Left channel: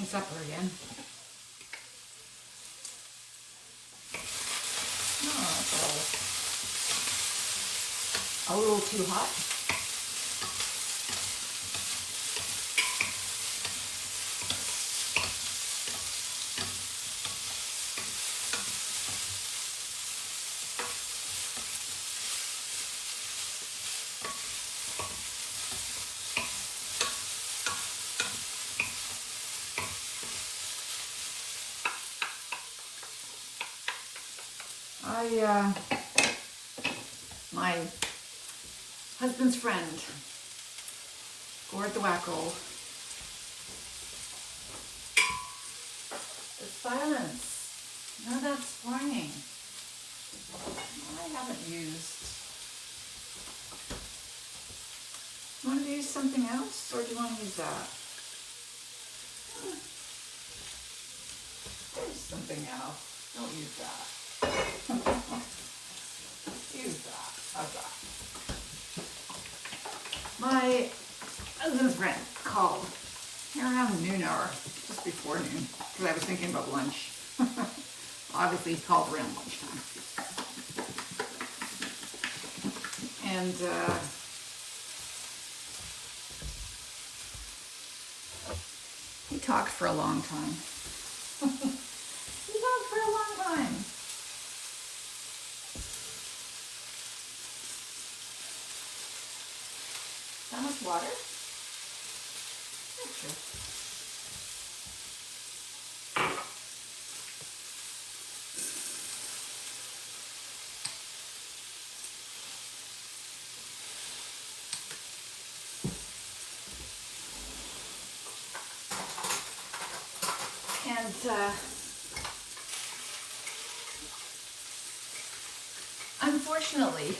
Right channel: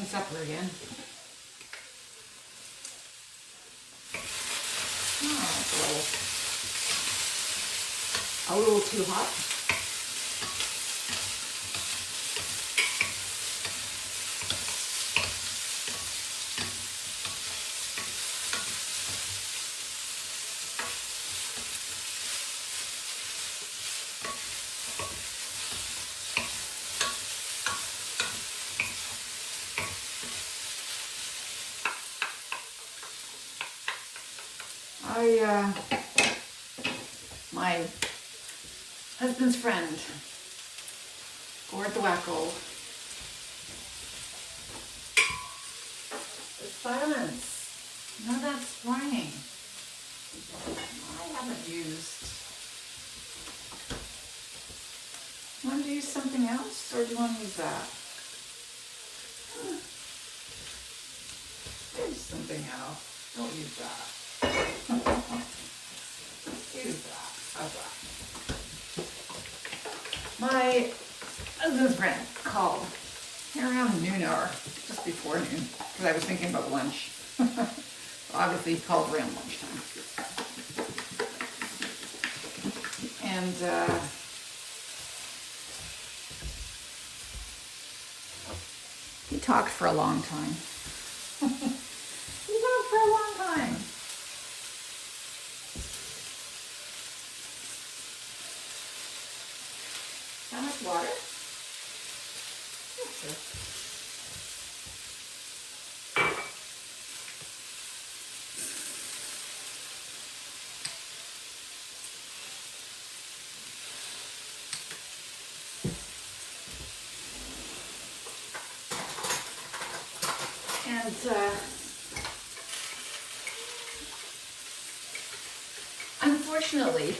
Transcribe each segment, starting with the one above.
making supper again. Oh, that's a little too hot. My husband's friend, Gord the Wacko. The silence. No, that's whining. I haven't used. You want to use something else, or do you want to use that? There's something else. Don't use that. Use that. How's that? My husband's friend called around noon or just before noon because I was thinking about lunch. Obviously, he called around lunchtime. And he talked for a long time. He talked for a long time. How much water? Yeah, sure. And unfortunately,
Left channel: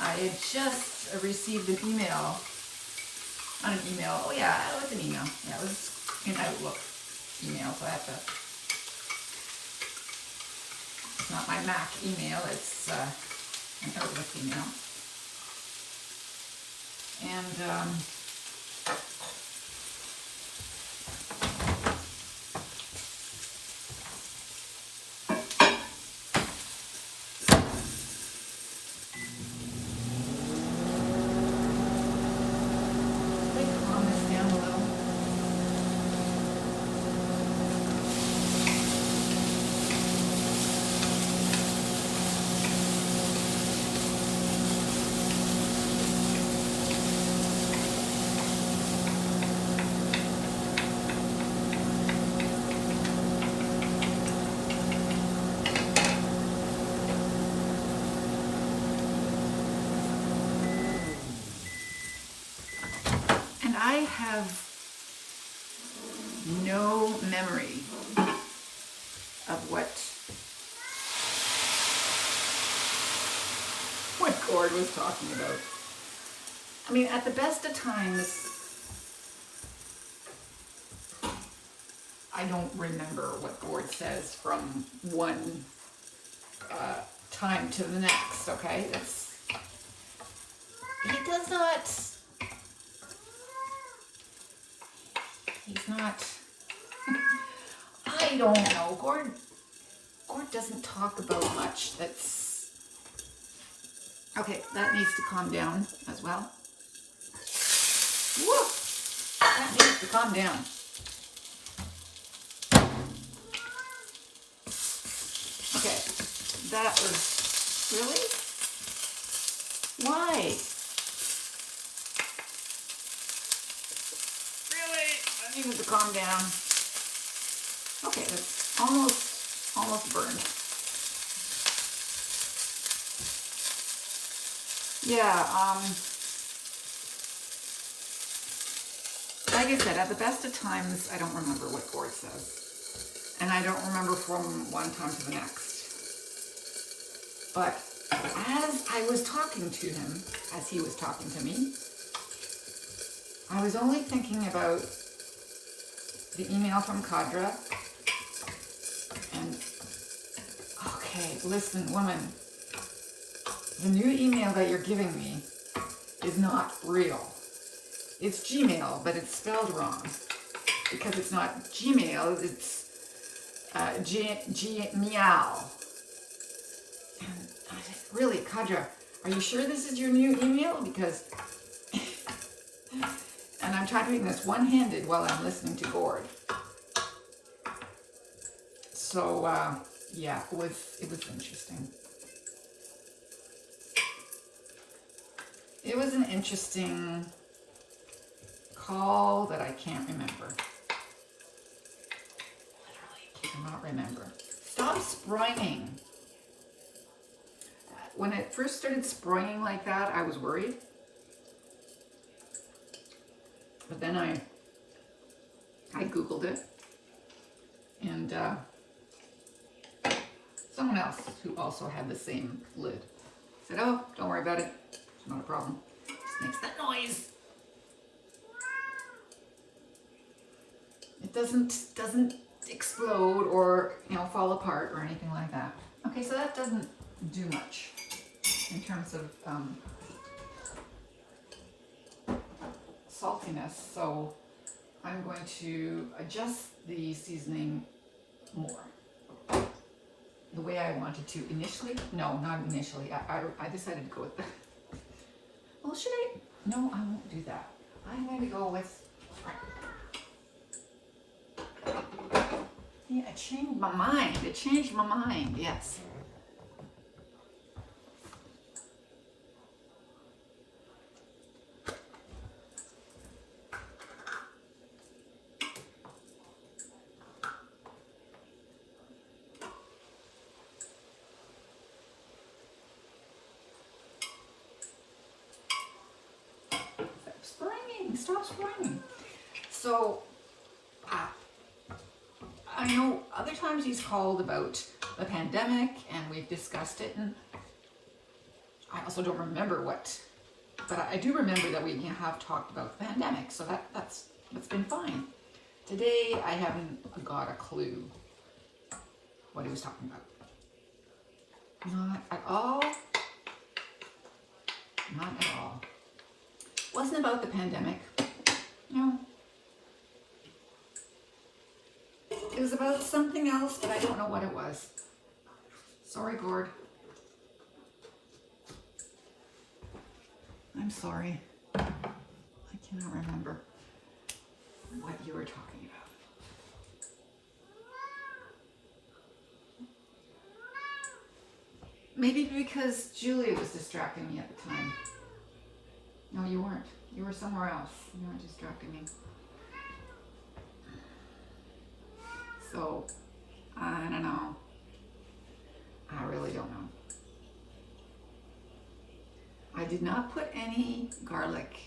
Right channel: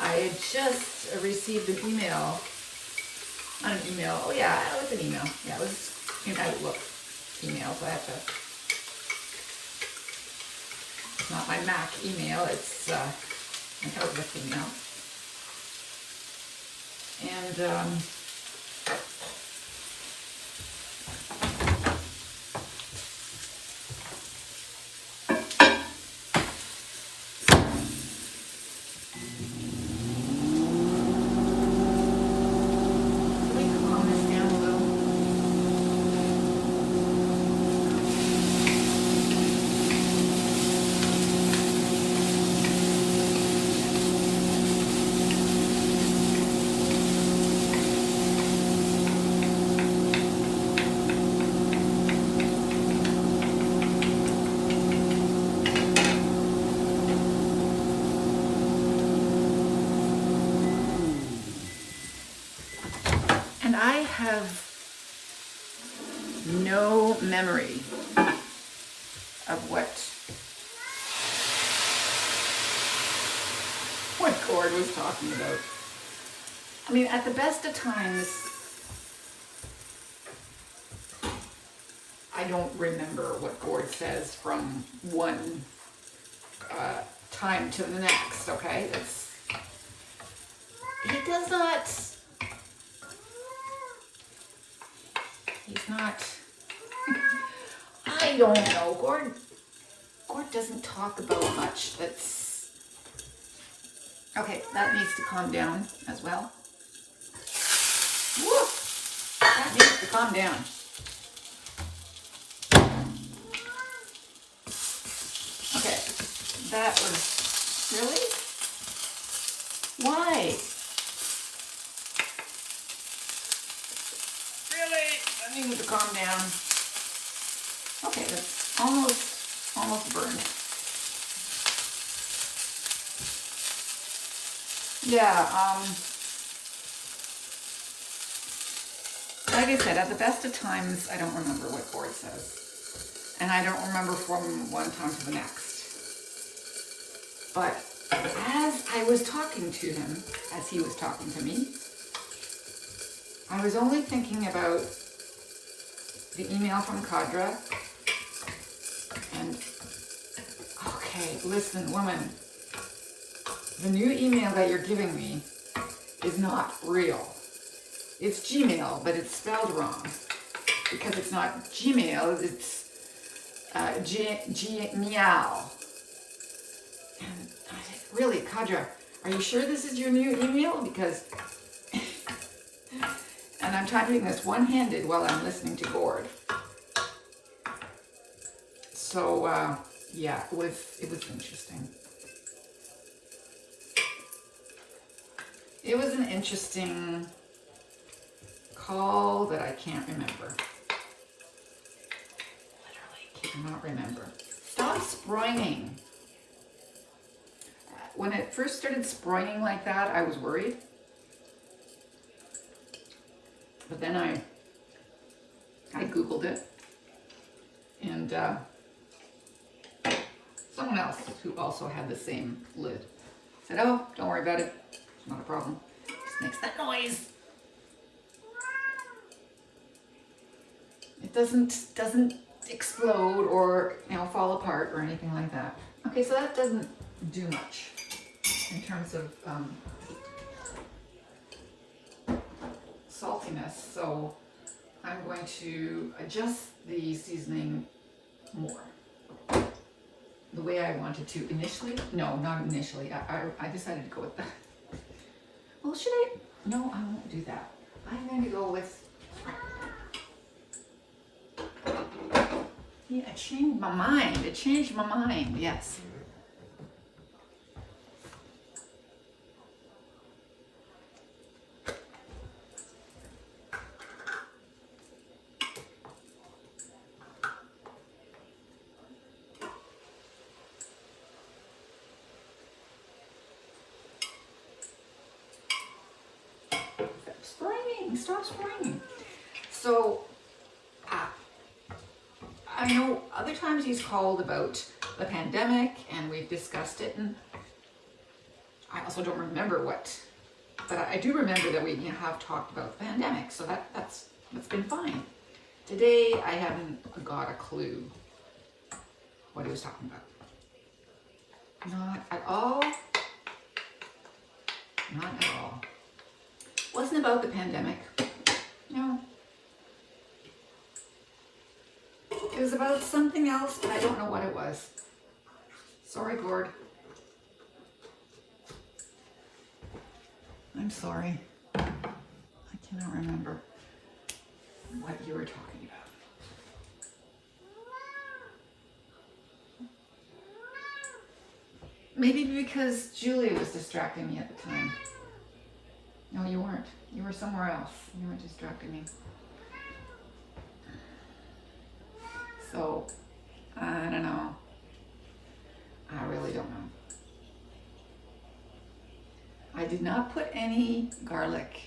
I had just received an email. Not an email. Oh yeah, it was an email. Yeah, it was an Outlook email. So I have to. It's not my Mac email. It's an Outlook email. And I have no memory of what Gord was talking about. I mean, at the best of times, I don't remember what Gord says from one time to the next, okay? He does not... He's not, I don't know, Gord doesn't talk about much that's, okay, that needs to calm down as well. Woo! That needs to calm down. Okay, that was, really? Why? I need to calm down. Okay, that's almost burned. Yeah, like I said, at the best of times, I don't remember what Gord says. And I don't remember from one time to the next. But as I was talking to him, as he was talking to me, I was only thinking about the email from Kadra. And, okay, listen, woman, the new email that you're giving me is not real. It's Gmail, but it's spelled wrong. because it's not Gmail, it's Gmeow. And I said, really, Kadra, are you sure this is your new email? Because, and I'm typing this one-handed while I'm listening to Gord. So, yeah, it was interesting. It was an interesting call that I can't remember. Literally cannot remember. Stop sproinging. When it first started sproinging like that, I was worried. But then I Googled it. And someone else who also had the same lid said, oh, don't worry about it. It's not a problem. It just makes that noise. It doesn't explode or, you know, fall apart or anything like that. Okay, so that doesn't do much in terms of saltiness. So I'm going to adjust the seasoning more. The way I wanted to initially. No, not initially. I decided to go with that. Well, should I? No, I won't do that. I'm going to go with. Yeah, it changed my mind. It changed my mind. Yes. Stop spraying. So, I know other times he's called about the pandemic, and we've discussed it, and I also don't remember what, but I do remember that we have talked about the pandemic, so that's been fine. Today, I haven't got a clue what he was talking about. Not at all. Not at all. Wasn't about the pandemic. No. It was about something else, but I don't know what it was. Sorry, Gord. I'm sorry. I cannot remember what you were talking about. Maybe because Julia was distracting me at the time. No, you weren't. You were somewhere else. You weren't distracting me. So, I don't know. I really don't know. I did not put any garlic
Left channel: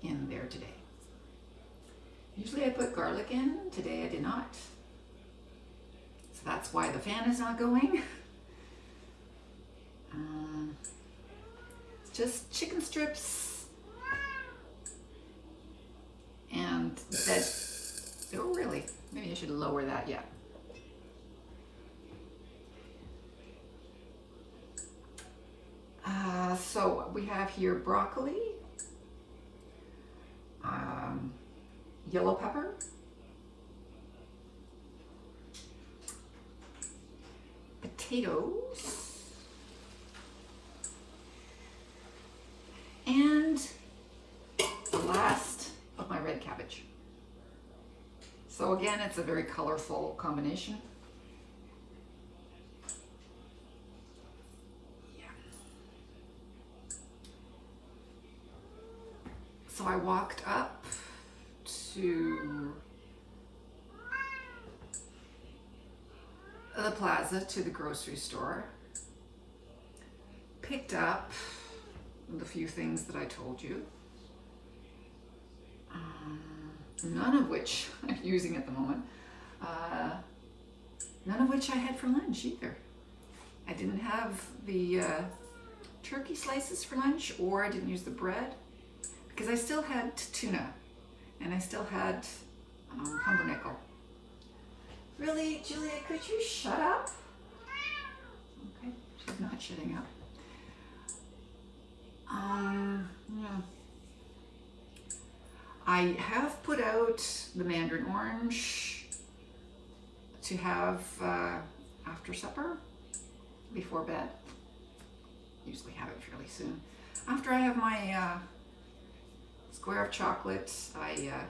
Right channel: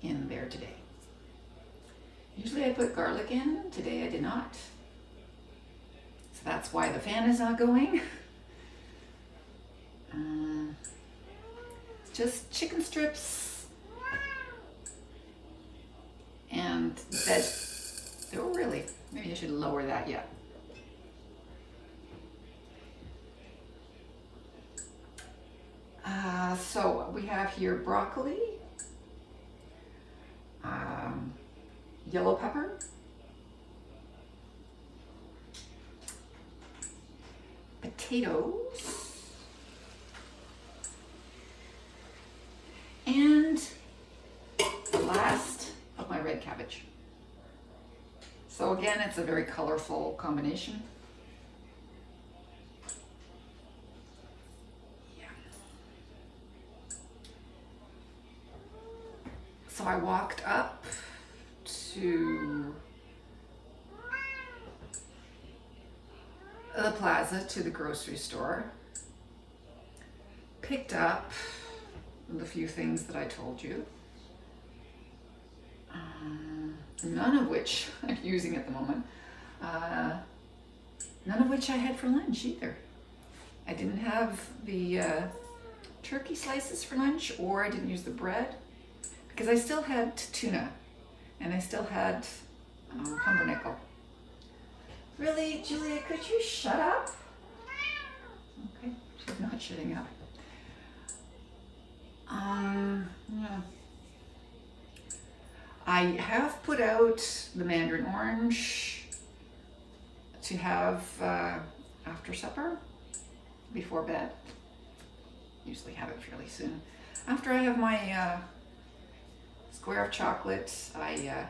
in there today. Usually I put garlic in. Today I did not. So that's why the fan is not going. Just chicken strips. And veg. Oh, really? Maybe I should lower that yet. So we have here broccoli, yellow pepper, potatoes, and the last of my red cabbage. So again, it's a very colorful combination. Yeah. So I walked up to the plaza, to the grocery store, picked up the few things that I told you. None of which I'm using at the moment. None of which I had for lunch either. I didn't have the turkey slices for lunch, or I didn't use the bread because I still had tuna and I still had pumpernickel. Really, Julia, could you shut up? Okay, she's not shutting up. Yeah. I have put out the mandarin orange to have after supper, before bed. Usually have it fairly soon. After I have my square of chocolate, I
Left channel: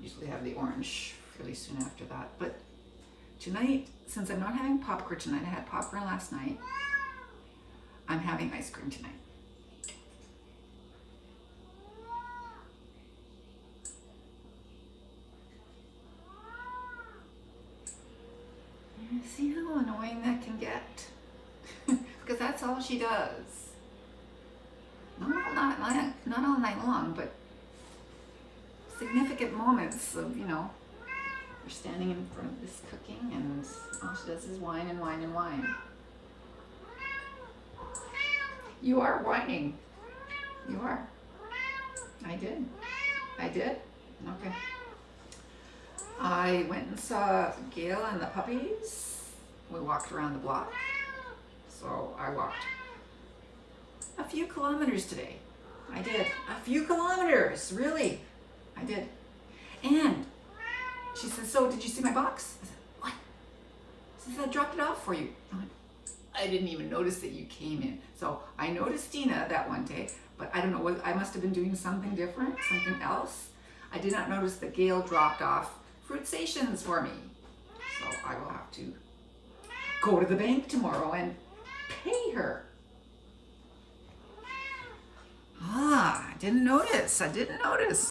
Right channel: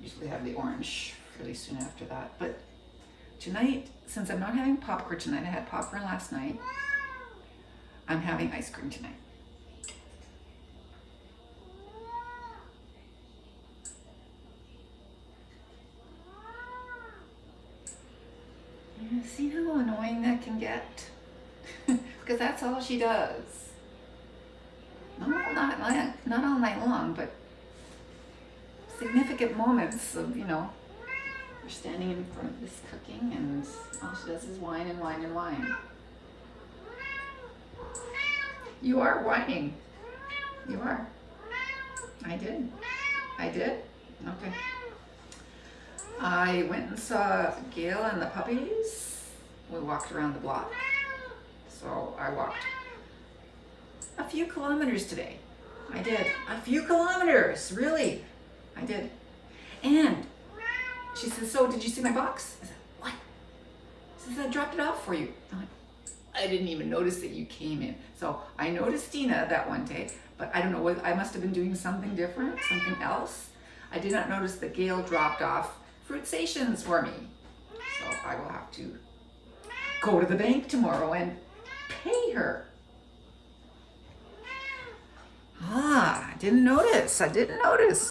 usually have the orange fairly soon after that. But tonight, since I'm not having popcorn tonight, I had popcorn last night, I'm having ice cream tonight. See how annoying that can get? Because that's all she does. No, not all night long, but significant moments of, you know, you're standing in front of this cooking and all she does is whine and whine and whine. You are whining. You are. I did. I did? Okay. I went and saw Gail and the puppies. We walked around the block. So I walked a few kilometers today. I did. A few kilometers, really. I did. And she says, so did you see my box? I said, what? She says, I dropped it off for you. I went, I didn't even notice that you came in. So I noticed Dina that one day, but I don't know what, I must have been doing something different, something else. I did not notice that Gail dropped off fruit stations for me. So I will have to go to the bank tomorrow and pay her. I didn't notice.